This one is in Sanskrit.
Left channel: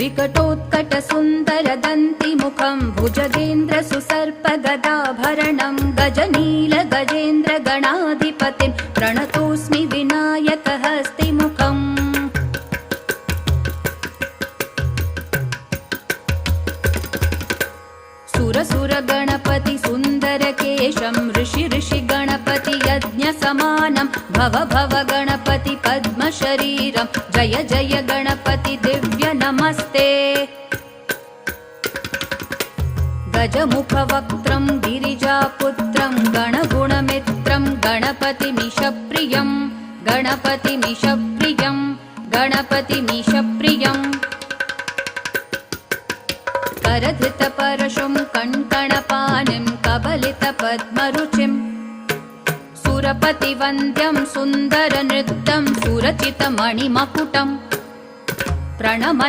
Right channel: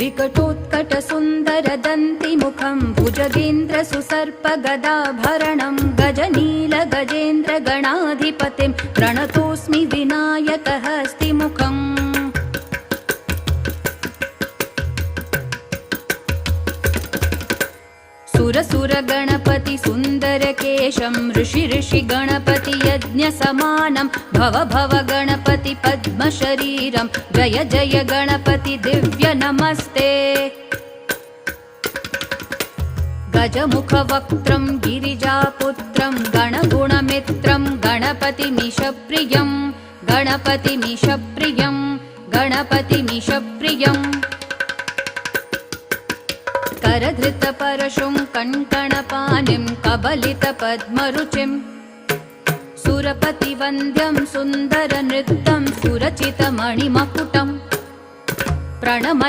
विकटोत्कटसुन्दरदन्तिमुखं भुजगेन्द्रसुसर्पगदाभरणं गजनीलगजेन्द्रगणाधिपतिं प्रणतोऽस्मि विनायकहस्तिमुखम् सुरसुरगणपति सुन्दरकेशं ऋषि गणपति यज्ञसमानं भव भव गणपति पद्मशरीरं जय जय गणपति दिव्य नमस्ते गजमुखवक्त्रं गिरिजापुत्रं गणगुणमित्रं गणपतिमीशप्रियं गणपतिमीशप्रियं गणपतिमीशप्रियम् करधृतपरशुं कङ्कणपाणिं कबलितपद्मरुचिं सुरपतिवन्द्यं सुन्दरनृत्यं सुरचितमणिमकुटं प्रणम